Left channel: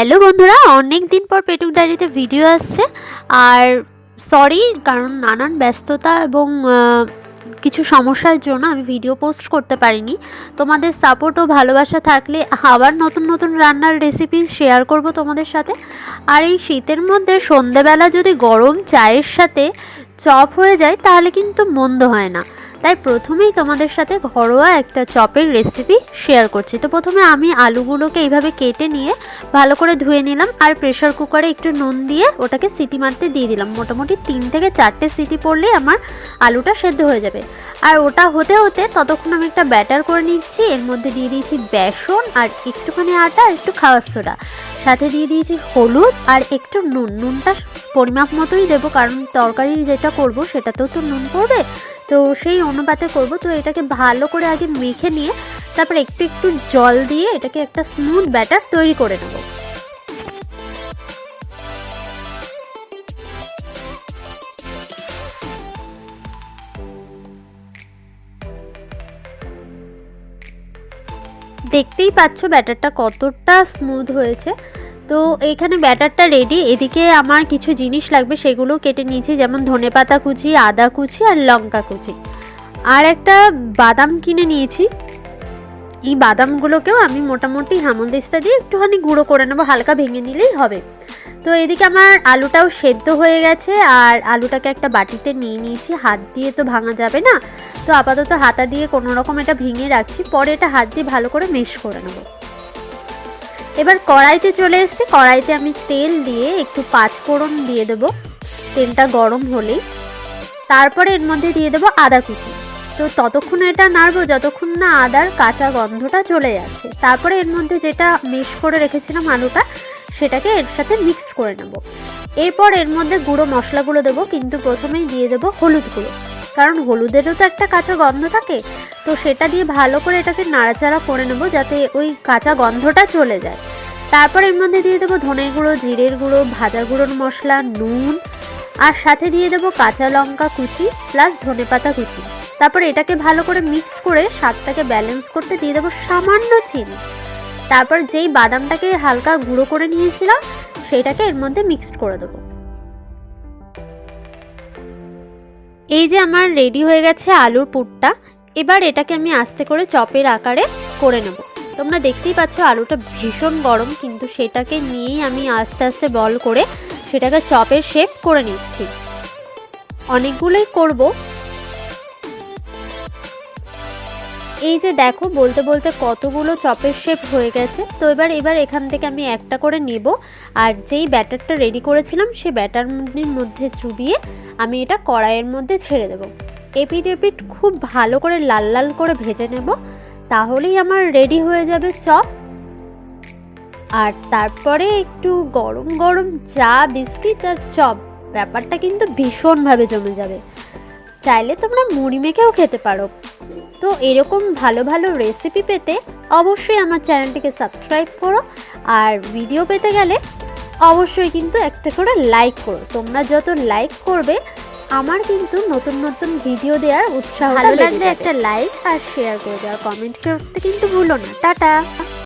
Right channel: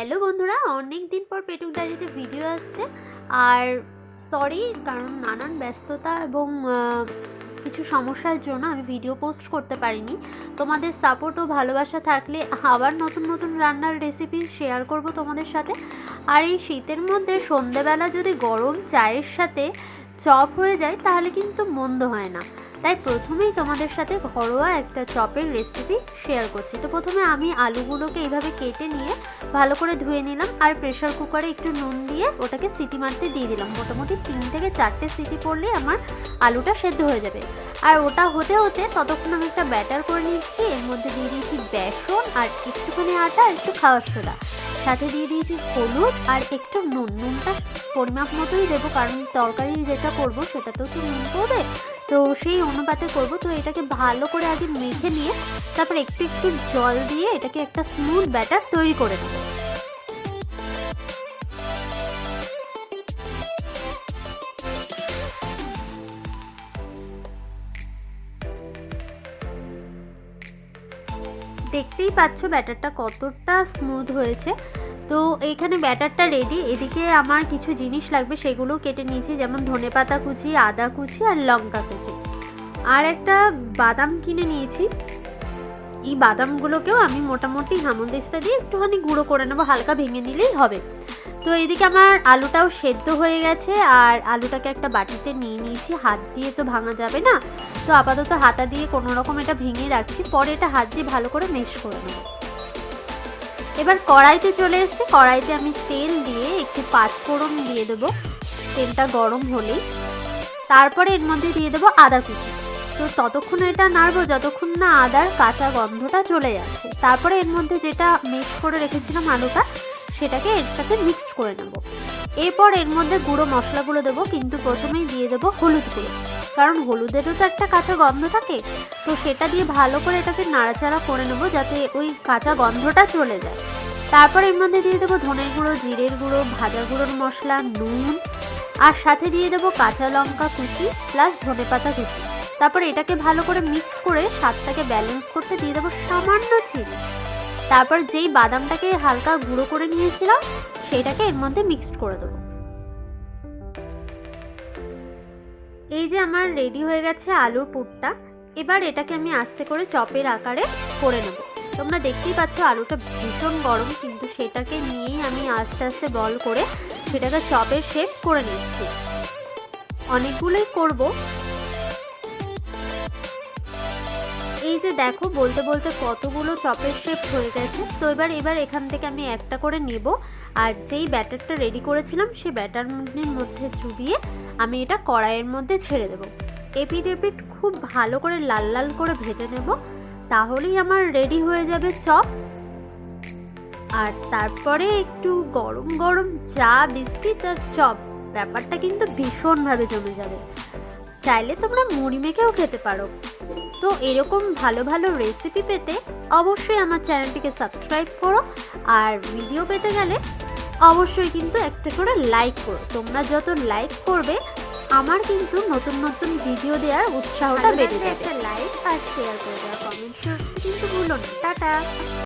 Hello বন্ধুরা, অনেক দিন পর পেটুক ডায়েরিতে ভিডিও আসছে। আর সরি, কারণ নানান ব্যস্ততা এবং কিছু সমস্যার জন্য আমি ভিডিও পোস্ট করতে পারিনি। তোমাদের সাপোর্ট ও ভালোবাসা থাকলে আবার নতুন নতুন রান্নার রেসিপি শেয়ার করব তোমাদের সাথে। আর এই শীতের মধ্যে সন্ধেবেলা যদি গরম চায়ের সাথে চপ হয়ে যায় তাহলে কিন্তু মন্দ হয় না। তাই প্রথমেই তোমাদের সাথে ঘরোয়া একটা চপের রেসিপি শেয়ার করছি। তো প্রথমে আমি আলুগুলোকে এইভাবে কেটে নিয়ে ভালো করে ধুয়ে নিলাম, আর প্রেশার কুকারে একটু নুন দিয়ে ওটাকে সিটি মারতে দিয়ে দিলাম। মোটামুটি 3 থেকে 4টে সিটি পড়লেই আমার আলুটা সেদ্ধ হয়ে যাবে। আর ওটা হতে হতে ততক্ষণ আমি একটা ব্যাটার করে নিচ্ছি। এর মধ্যে দিয়ে দিয়েছি বেসন আর একটুখানি আটা, একটু খাওয়ার সোডা, সাথে দিয়ে দিয়েছি হলুদ আর একটু নুনটা পরিমাপ মতোই দেবো, কারণ তরকারি যেটা করব সেটাতেও তো নুন পড়বে, তো সেই অনুপাতে করব। তো এটাকে ভালো করে আগে মেখে নিয়ে তারপর একটু একটু জল দিয়ে এটাকে একটা স্মুথ ব্যাটার তৈরি করে নেব। দেখতেই পাচ্ছ ব্যাটারটা কতটা স্মুথ হয়েছে। তো এইখানে ব্যাটারটা রেডি। এদিকে আমার কিছু জিনিস লাগবে, সেগুলো কেটে নিয়েছি, যেমন ধনেপাতা কুচি, আদা কুচি আর লঙ্কা কুচি। আর একটা বাদাম কিনে নিয়েছি। এই বাদামগুলোকেও আমি মোটামুটি হেমন্দিস্তা দিয়ে একটুখানি গুঁড়ো করে নেবো, হালকা ভেঙে নিলেই হবে। তো এদিকে আমার আলুটাও সেদ্ধ হয়ে গেছে, আর আলুটাকে একটা বাটিতে নিয়ে নিয়েছি। হাত দিয়ে তো ভাঙা যাবে না, তো আপাতত হাতা দিয়ে কোনো রকম এটা ভেঙে রাখছি, পরে এটা হাত দিয়ে ভালো করে মেশ করে নেব। এবার কড়াইতে চলে এসেছি। কড়াইতে আমি তেল দিয়ে একটু 5 ফোড়ন দিয়ে দেবো। তেলটা গরম হলেই তারপরে এর মধ্যে দিয়ে দেবো আদা কুচি। তো ততক্ষণ এটা নাড়বো যতক্ষণ না আদার কাঁচা গন্ধটা চলে যাচ্ছে। তারপরে এর মধ্যে যেটা মিক্স করে রেখেছিলাম আলুটা, সেটাকে এর সাথে মিক্স করে নেব। এরপর এর মধ্যে গুঁড়ো মশলাগুলো দেবো, কিন্তু প্রথমেই দিয়ে দেবো হলুদ গুঁড়ো, কারণ হলুদেরও তো একটা কাঁচা গন্ধ থাকে। তো সেটা দিয়ে ভালো করে এটাকে নাড়াচাড়া করে নেব যাতে ওই কাঁচা গন্ধটা চলে যায়। তারপর এর মধ্যে দিয়ে দেবো ধনের গুঁড়ো, জিরের গুঁড়ো, ভাজা গুঁড়োর মশলা, নুন, আর সাথে দিয়ে দেবো কাঁচা লঙ্কা কুচি প্লাস ধনেপাতা কুচি। তারপর এটাকে ভালো করে মিক্স করে স্বাদটাকে ব্যালেন্স করতে দিয়ে দেবো সামান্য চিনি। তারপর যেই বাদামটাকে হালকা গুঁড়ো করে নিয়েছিলাম সেটাকে এর মধ্যে মিক্সড করে দেবো। এই যে আমার রেডি হয়ে গেছে আলুর পুরটা। এবার এটাকে আমি আস্তে করে চপের আকারে করে নেব। তোমরা দেখতেই পাচ্ছ আলুটা ভীষণ গরম, কিন্তু সেটাকে নিয়েই আমি আস্তে আস্তে বল করে সেটাকে চপের শেপ করে নিচ্ছি। অনেকগুলোই করব। এই যে দেখো, বলতে বলতে কতগুলো চপের শেপ হয়ে গেছে। তো এবার এখান থেকে আমি একটা করে নেব, আর যেই ব্যাটারটা রেডি করেছিলাম সেই ব্যাটারের মধ্যে চুবিয়ে আমি এটা কড়াইয়ের মধ্যে ছেড়ে দেব। এপিট এপিট খুব ভালো করে লাল লাল করে ভেজে নেব, তাহলেই আমার রেডি হয়ে যাবে চপ। আর তারপরে একটু গরম গরম চা, বিস্কিট আর চপ, ব্যাপারটা কিন্তু ভীষণভাবে জমে যাবে। চাইলে তোমরা মুড়ি মেখেও খেতে পারো। তো এরকম ভালো ভালো রেসিপি পেতে অবশ্যই আমার চ্যানেলটিকে সাবস্ক্রাইব করো, আর ভিডিও পেতে গেলে অবশ্যই কিন্তু একটা করে লাইক করো। তোমরা যত লাইক করবে আমার কিন্তু নতুন নতুন ভিডিও দেওয়ার উৎসাহ। ভালো লাগলে একটা লাইক আর শেয়ার করে দেওয়া, কমেন্ট করতে কিন্তু ভুলো না। টাটা।